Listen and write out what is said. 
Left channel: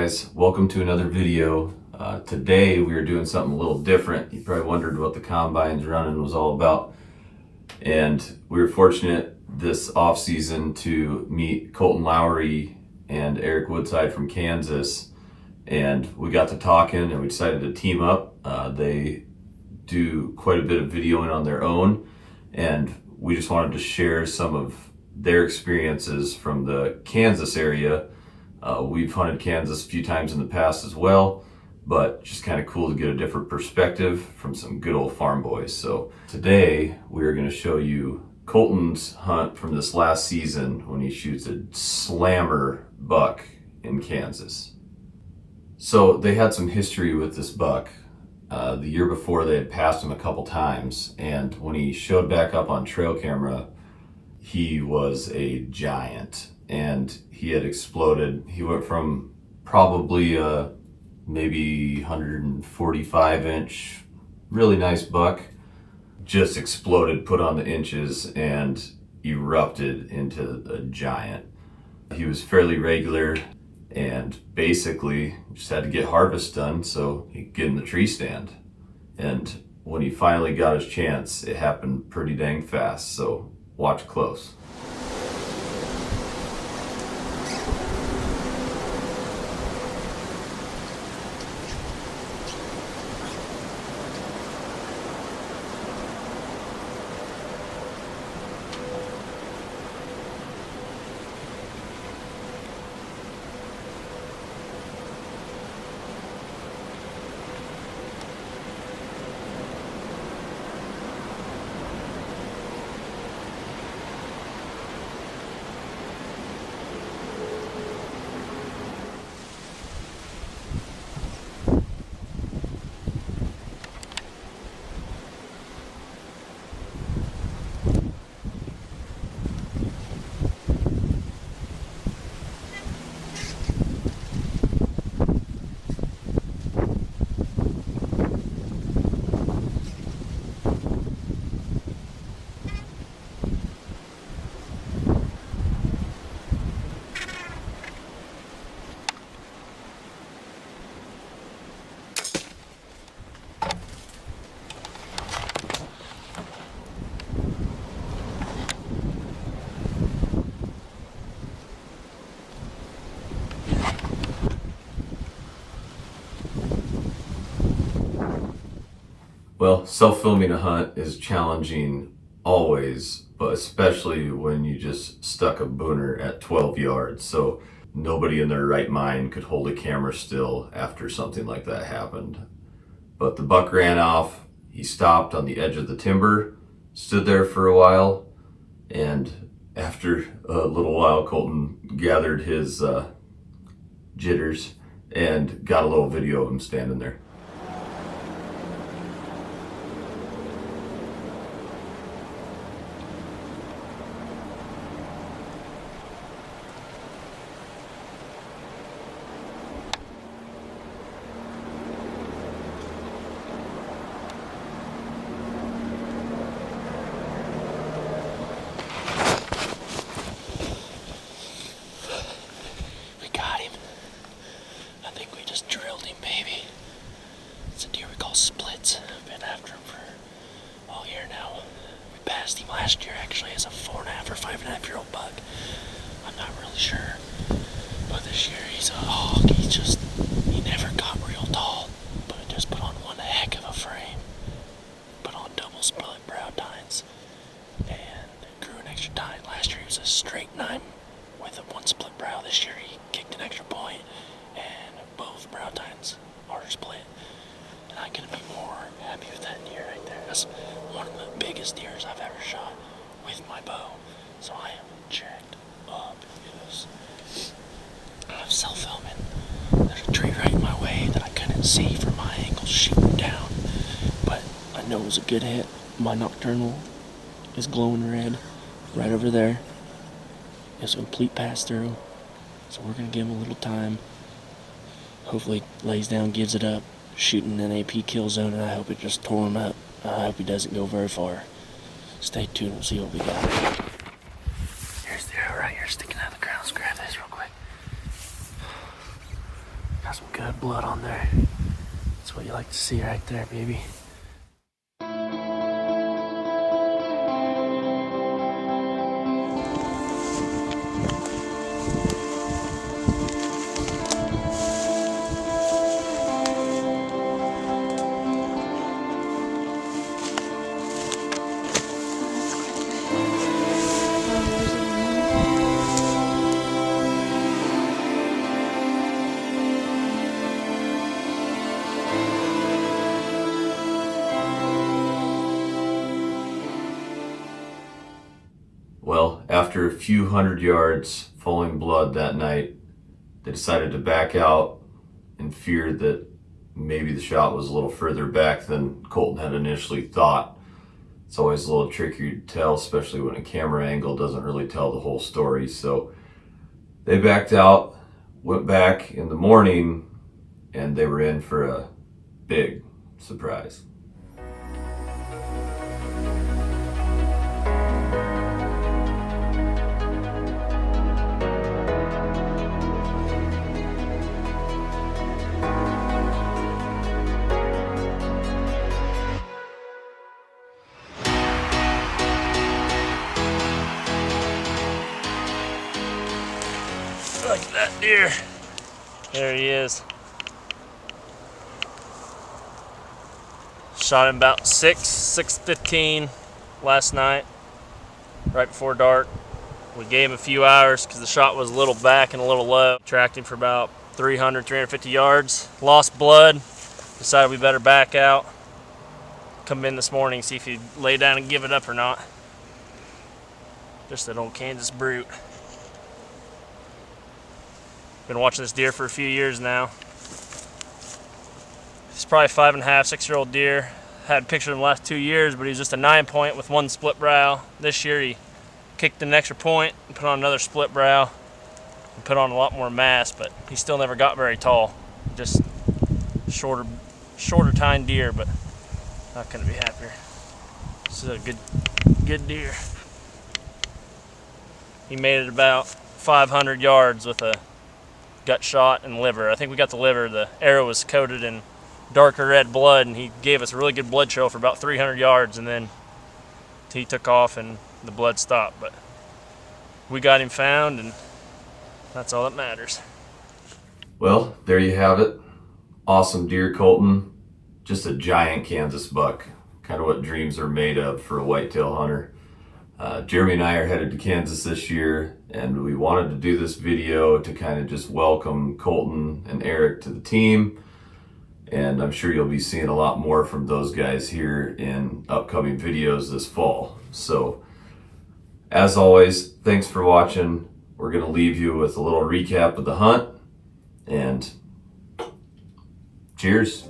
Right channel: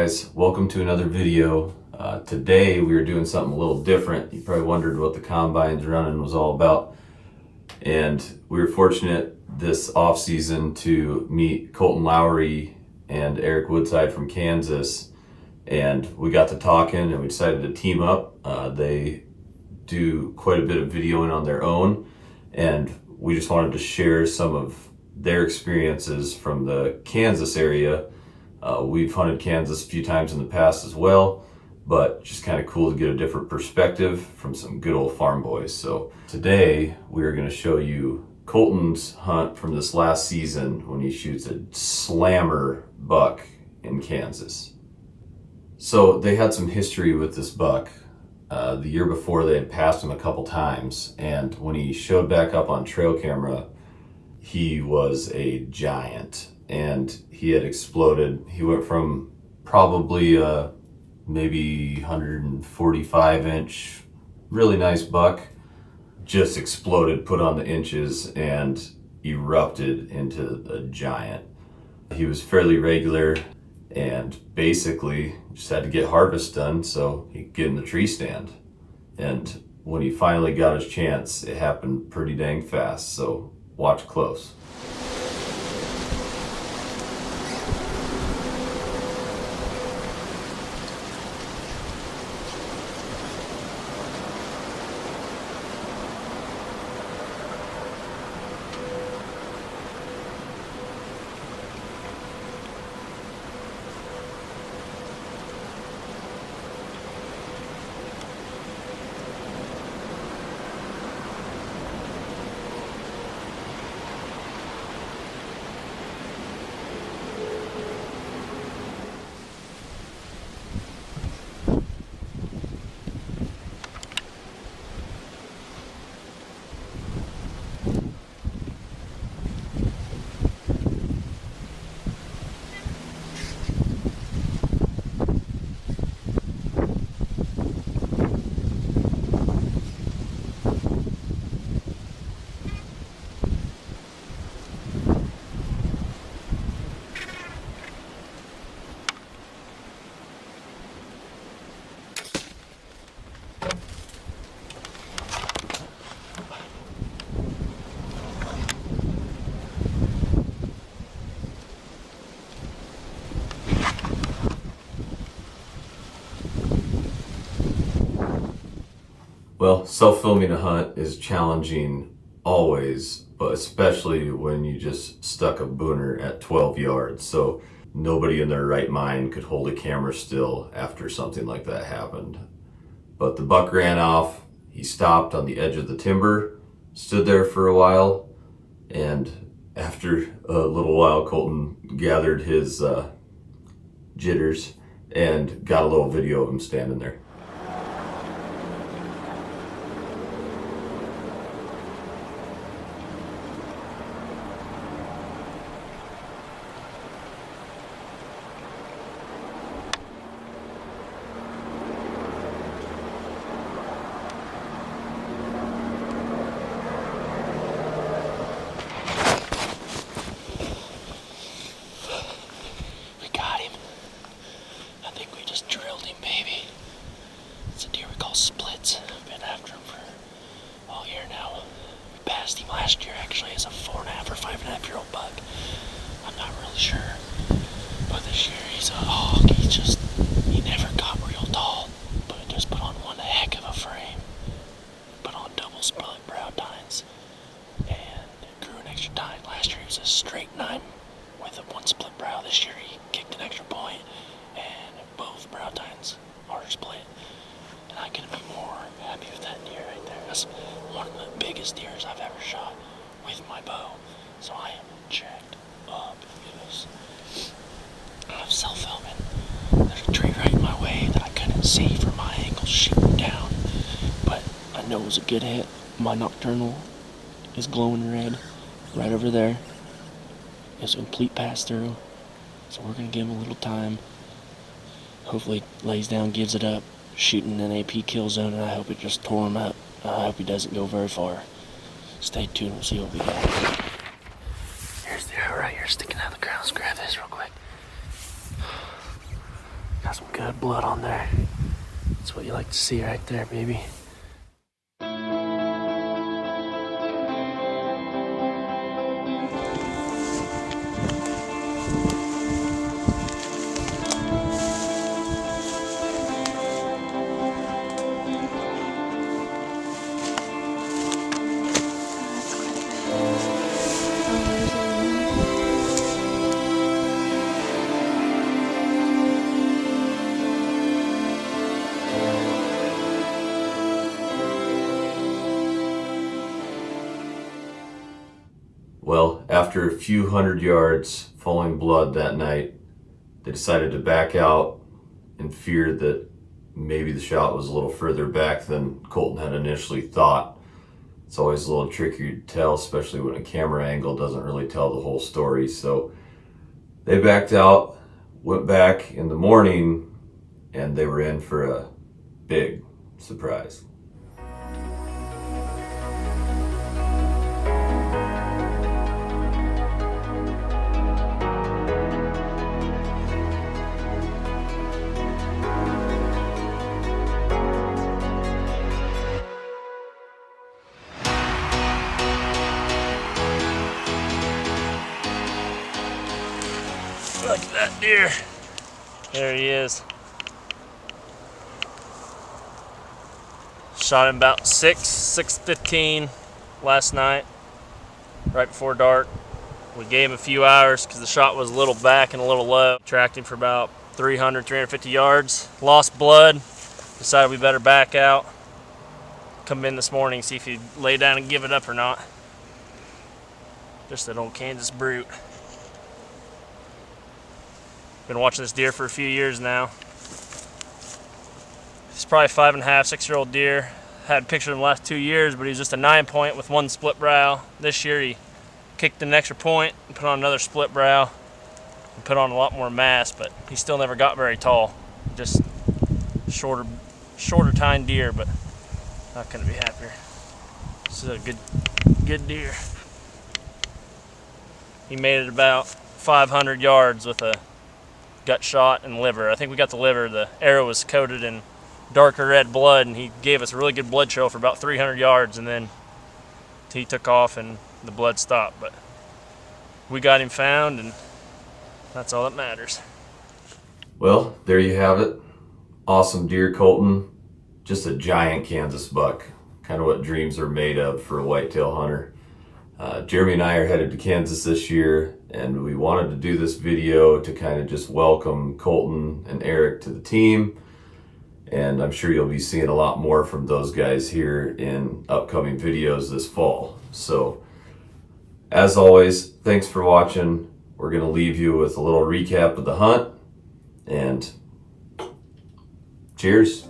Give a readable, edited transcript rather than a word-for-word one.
guys? Welcome to another video. Today we are doing something a little different. You probably wondered what the combines running was all about. And we were fortunate this off season to meet Colton Lowry and Eric Woodside from Kansas. And we got to talking and we decided to team up. They do quite a bit of videoing on their own. And we just wanted to share some of their experiences from the Kansas area. We've hunted Kansas a few times in the past as well, but just kind of cool to get a different perspective from some good old farm boys. So today we're going to show you Colton's hunt from this last season when he shoots a slammer buck in Kansas. So they had some history with this buck. The year before they had passed him a couple times, and when he showed back up on trail camera, he was a giant and he had exploded. He went from probably maybe 145 inch, really nice buck, just exploded, put on the inches and erupted into a giant. He was fairly regular and basically just had to get harvest done so he could get in the tree stand. And when he finally got his chance, it happened pretty dang fast, so watch close. Well, self-filming a hunt is challenging always, but especially when you just stuck a booner at 12 yards. So nobody in their right mind could hold a camera still after something like that happened. But the buck ran off, he stopped on the edge of the timber, stood there for a while, and after a little while, Colton gathered his jitters and got a little video of him standing there. Last year actually as a 4.5 or 5.5 year old buck. I'm not really sure, but this year he's a hog. He never got real tall, but he just put on one heck of a frame. Put on double split brow tines and grew an extra tine. Last year he was a straight 9 with a 1 split brow. This year he kicked an extra point and both brow tines are split. And I couldn't be more happy with that deer right there. That's one of the biggest deers I've ever shot with my bow. So I am jacked up. Look at this. I'm self-filming. There's a tree right in my way that I couldn't see from my angle shooting down. But I know it was a good hit. My nocturnal is glowing red right over there. It's a complete pass through. So we're going to give him a little time. Hopefully lays down, gives it up. Shooting an AP kill zone, and I hope it just tore him up. I hope he doesn't go very far. Stay tuned, we'll see what we got. Here's the arrow right here sticking out of the ground. Let's grab this real quick. Got some good blood on there. That's what you like to see right there, baby. Well, after a few hundred yards falling blood that night, they decided to back out in fear that maybe the shot was a little further back than Colton had initially thought. It's always a little tricky to tell, especially when a camera angle doesn't really tell the whole story. So they backed out, went back in the morning, and they were in for a big surprise. Look at that deer. There he is. Shot him about 6:15 last night, right before dark. We gave him a few hours because the shot was a little back and a little low. Tracked him for about 300, 350 yards. Lost blood. Decided we better back out. Come in this morning, see if he'd lay down and give it up or not. Just that old Kansas brute. Been watching this deer for a few years now. He's probably 5.5, 6-year-old deer. Had pictured him the last 2 years, but he's just a 9-point with one split brow. This year he kicked an extra point and put on another split brow and put on a lot more mass, but he still never got very tall. Just shorter tine deer, but not gonna be happier. This is a good deer. He made it about 500 yards with a gut shot and liver. I think we got the liver. The arrow was coated in darker red blood, and he gave us a really good blood trail for about 300 yards, and then he took off and the blood stopped. But we got him found, and that's all that matters. Well, there you have it. Awesome deer, Colton. Just a giant Kansas buck. Kind of what dreams are made of for a whitetail hunter. Jeremy and I are headed to Kansas this year, and we wanted to do this video to kind of just welcome Colton and Eric to the team. And I'm sure you'll be seeing a lot more from those guys here in upcoming videos this fall. So, as always, thanks for watching. We're going to leave you with a little recap of the hunt, and cheers.